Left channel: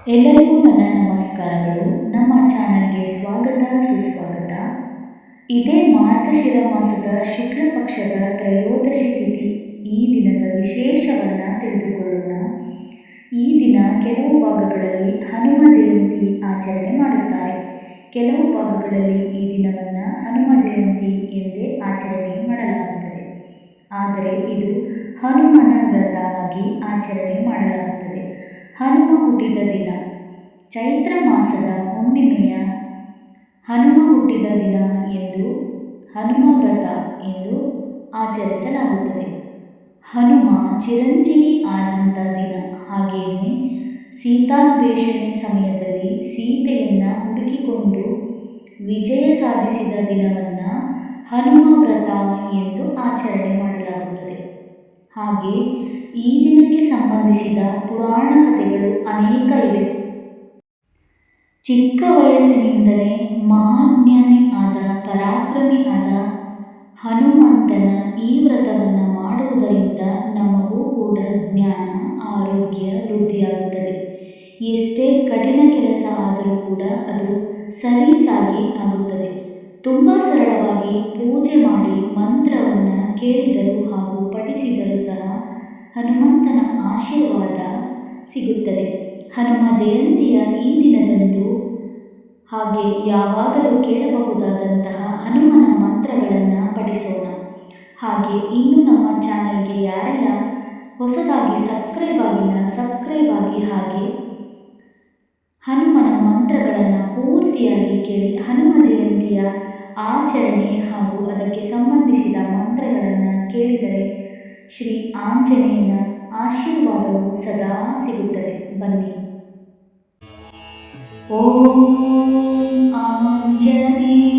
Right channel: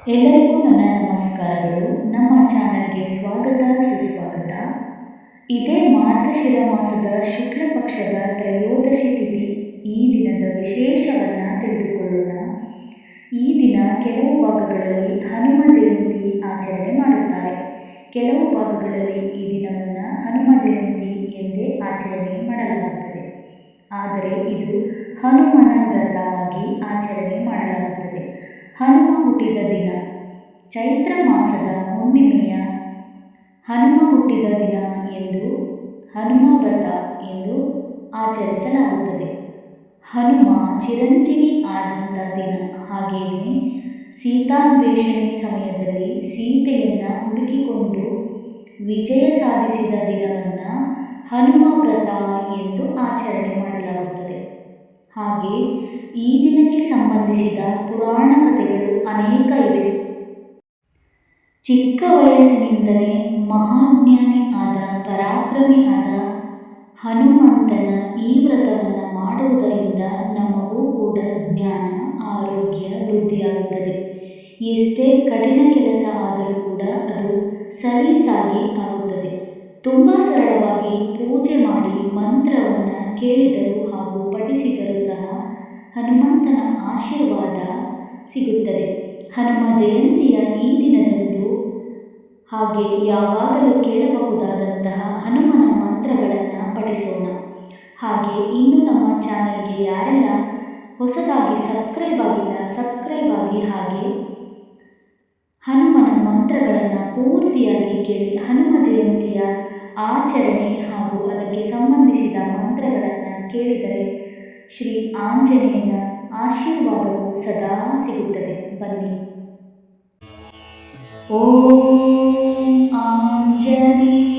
ಎಲ್ಲರಿಗೂ ನನ್ನ ನಮಸ್ಕಾರಗಳು. ನಮ್ಮ ಚಾನಲ್ಗೆ ಸ್ವಾಗತ, ಸುಸ್ವಾಗತ. ಇದೇ ಮಾರ್ಗಶಿರ ಮಾಸದ ಶುಕ್ಲ ಪಕ್ಷದ ತ್ರಯೋದಶಿ ತಿಥಿ. ಈ ದಿನದ ವಿಶೇಷವನ್ನು ತಿಳಿದುಕೊಳ್ಳೋಣ. ಈ ದಿನ ಕೆಲವು ಭಾಗಗಳಲ್ಲಿ ಹನುಮ ಜಯಂತಿ ಆಚರಣೆ ಮಾಡುತ್ತಾರೆ. ಕೆಲವು ಭಾಗಗಳಲ್ಲಿ ಈ ದಿನವನ್ನು ಹನುಮ ಜಯಂತಿ ಎಂದೇ ಆಚರಣೆ ಮಾಡಲಾಗುತ್ತದೆ. ಆದರೆ ಇದು ಹನುಮನ ವ್ರತವಾಗಿ ಆಚರಣೆ ಮಾಡಲಾಗುತ್ತದೆ. ಹನುಮ ಹುಟ್ಟಿದ ದಿನ, ಚೈತ್ರ ಮಾಸದ ಹುಣ್ಣಿಮೆಯ ಹನುಮ ಹುಟ್ಟಿದ ದಿನ ಎಂದು ಹನುಮ ವ್ರತ ಎಂದು ಆಚರಿಸಲಾಗುತ್ತದೆ. ಹನುಮ ಚಿರಂಜೀವಿ ಆದಂಥ ದಿನ ಹಾಗೆಯೇ ಸೀತಾನ್ವೇಷಣೆ ಸಮಯದಲ್ಲಿ ಸೀತೆಯನ್ನು ಹುಡುಕಿಕೊಂಡು ವಿಜಯ ಸಾಧಿಸಿದ ದಿನವನ್ನು ಹನುಮ ವ್ರತ ಎಂದು ಆಚರಣೆ ಮಾಡಲಾಗುತ್ತದೆ. ಹಾಗೆ ಈ ದಿನಕ್ಕೆ ಸಂಬಂಧಿಸಿದ ಪುರಾಣ ಕಥೆಗಳು ಅನೇಕ ಇವೆ. ಚಿಕ್ಕ ವಯಸ್ಸಿನಿಂದಲೇ ಮಹಾಜ್ಞಾನಿ ಆದ, ಪರಾಕ್ರಮಿ ಆದ ಹನುಮಂತನ ಈ ವ್ರತವನ್ನು ಮಾಡುವುದರಿಂದ ನಮಗೂ ಕೂಡ ಜ್ಞಾನ, ಆರೋಗ್ಯ ವೃದ್ಧಿಯಾಗುತ್ತದೆ. ಎಷ್ಟೇ ಕಠಿಣ ಕೆಲಸ ಆದರೂ ಕೂಡ ಅದು ಸಲೀಸಾಗಿ ಆಗುತ್ತದೆ. ತುಂಬ ಸರಳವಾಗಿ ಪೂಜೆ ಮಾಡಿ ಮಂತ್ರವನ್ನು ಕೇಳಿದರು ಹಾಗೂ ಪಠಿಸಿದರೂ ಸಹ ಹನುಮಂತನ ಆಶೀರ್ವಾದ ಸಿಗುತ್ತದೆ. ಹನುಮ ಜಯಂತಿಯ ಈ ದಿನದಂದು ಹಾಗೆ ಯಾವಾಗಲೂ ಕೇಳಬಹುದಾದಂತಹ ಹನುಮನ ಮಂತ್ರಗಳನ್ನು ಪಠಿಸೋಣ. ಹಾಗೆ ಇನ್ನೂ ನಮ್ಮ ಚಾನಲ್ಗೆ ಯಾರೆಲ್ಲ ಹೊಸದಾಗಿ ಸಬ್ಸ್ಕ್ರೈಬ್ ಆಗಿಲ್ಲ, ಸಬ್ಸ್ಕ್ರೈಬ್ ಆಗಿ ಹಾಗೆ ಹನುಮನ ಮಂತ್ರಗಳನ್ನು ಪೂರ್ತಿಯಾಗಿ ಕೇಳಿ ಹನುಮ ಜಯಂತಿಯ ಆಚರಣೆ ಹಾಗೂ ಅದಕ್ಕೆ ಸಂಬಂಧಿಸಿದ ಮಂತ್ರಗಳನ್ನು ಕೇಳಿದರೆ ಶ್ರೀ ಆಂಜನೇಯನ ಆಶೀರ್ವಾದವು ಸದಾ ಸಿಗುತ್ತದೆ. ಬನ್ನಿ. ಓಂ ಆಂಜನೇಯಾಯ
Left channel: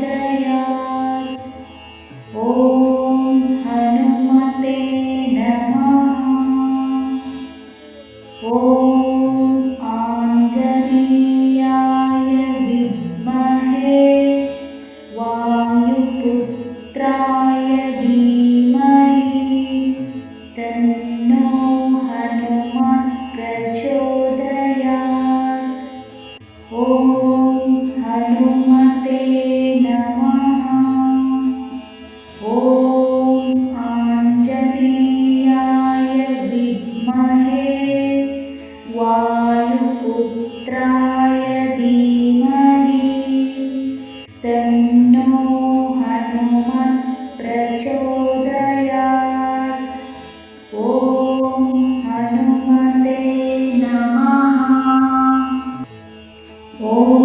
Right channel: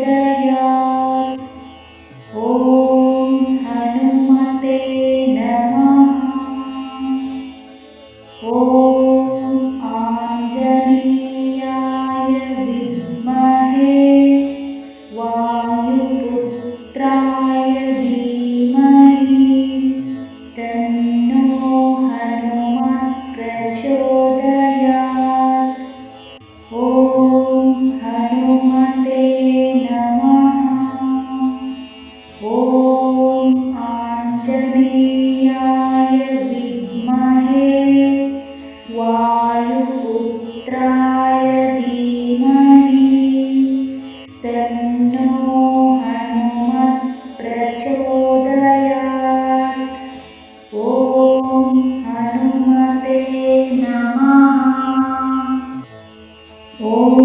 the यति धीमहि। तन्नो हनुमत् प्रचोदयात् ॐ हनुमते नमः। ॐ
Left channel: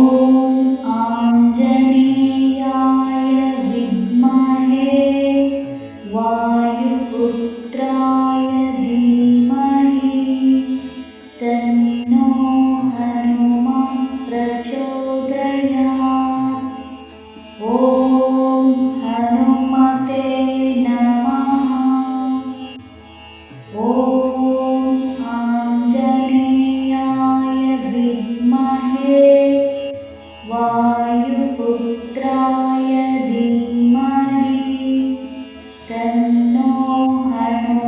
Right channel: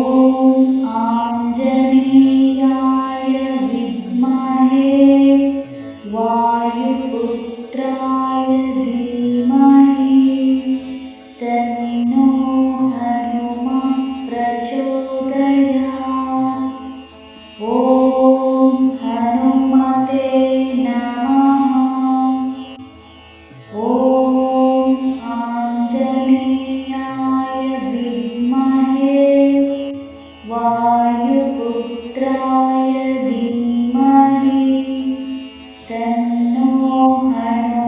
ॐ हनुमते नमः। ॐ आञ्जनीयाय धमहे वायुपुत्राय धीमहि। तन्नो हनु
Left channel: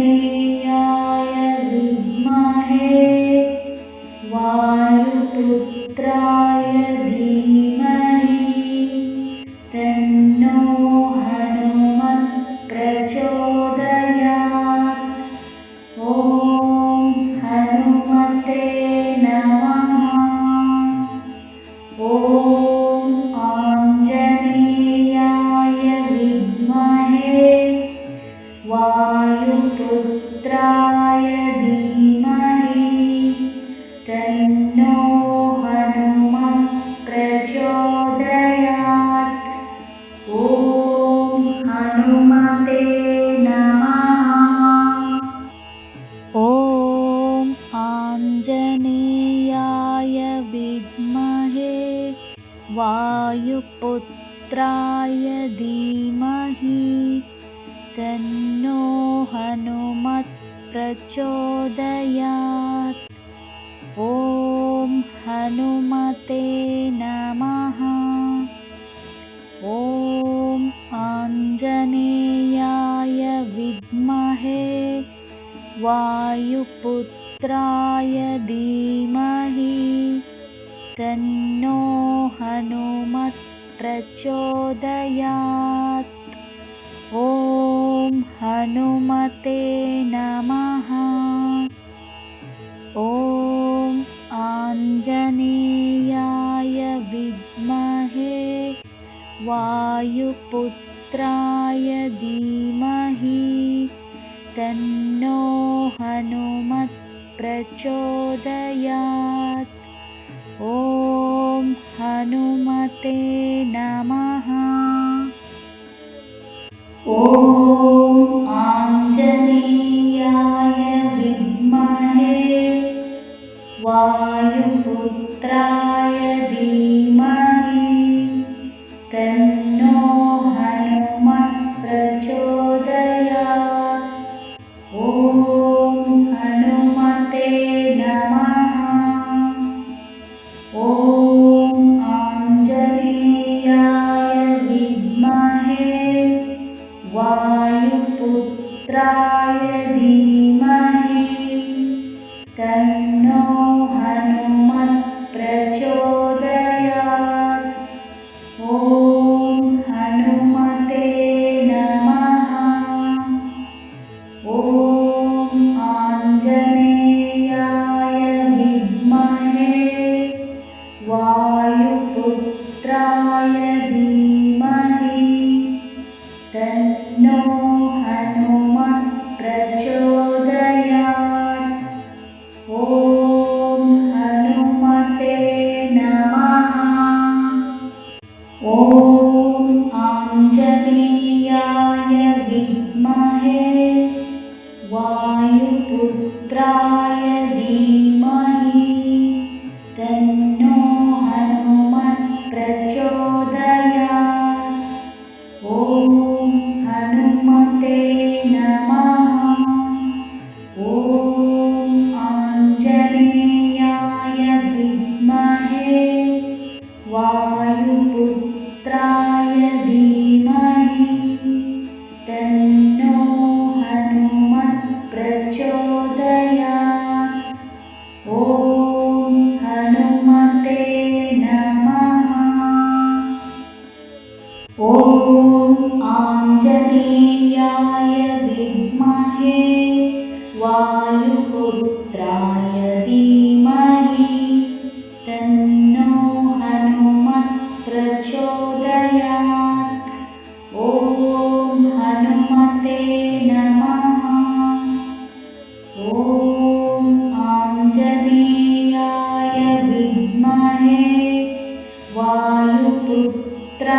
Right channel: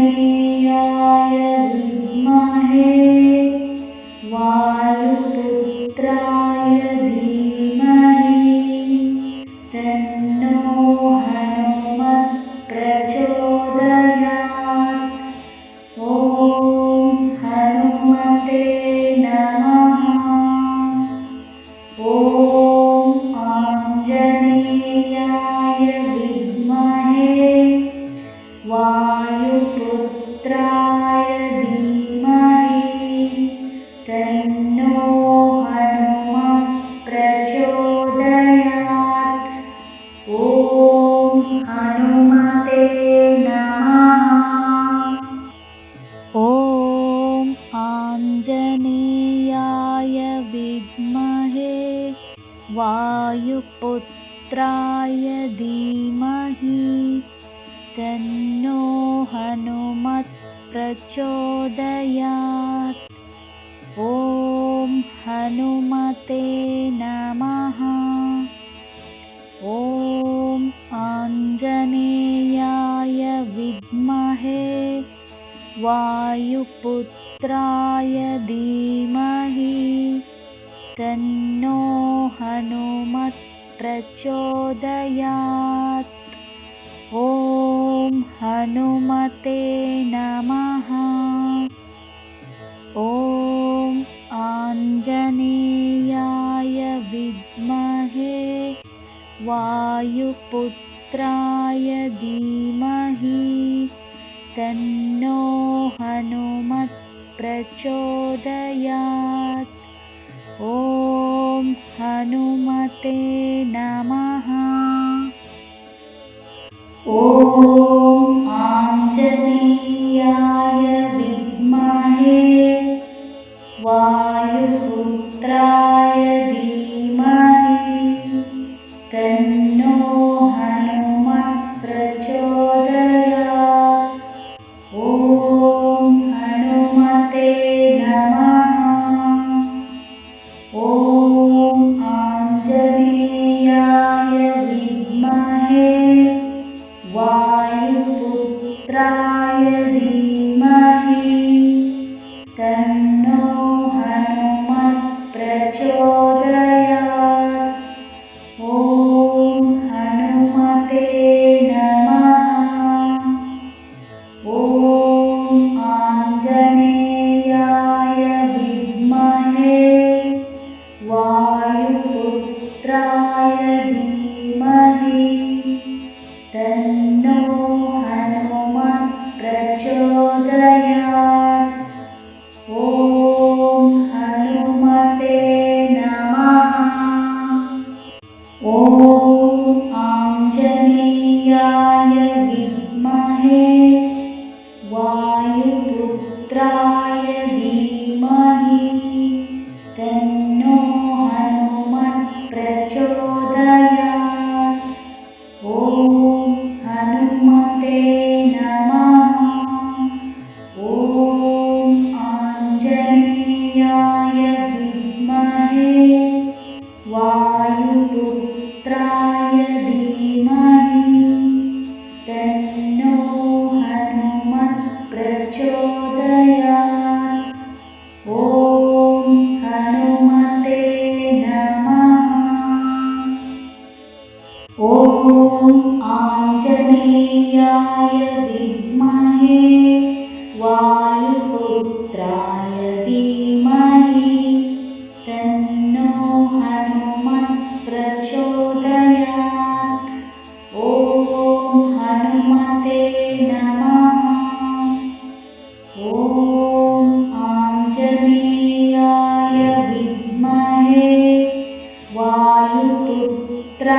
य विद्महे वायुपुत्राय धीमहि। तन्नो हनुमत् प्रचोदयात् ॐ हनुमते नमः। प्रचोदयात्। ॐ हनुमते नमः। ॐ आञ्जनेयाय विद्महे वायुपुत्राय धीमहि तन्नो हनुमत् प्रचोदयात्। ॐ हनुमते नमः। ॐ आञ्जनेयाय विद्महे वायुपुत्राय धीमहि तन्नो हनुमत् प्रचोदयात् ॐ हनुमते नमः। ॐ वायुपुत्राय धीमहि तन्नो हनुमत् प्रचोदयात् ॐ हनुमते नमः। ॐ You. हनुमते नमः। ॐ आञ्जनेयाय विद्महे। वायुपुत्राय धीमहि। तन्नो हनुमत् प्रचोदयात् वायुपुत्राय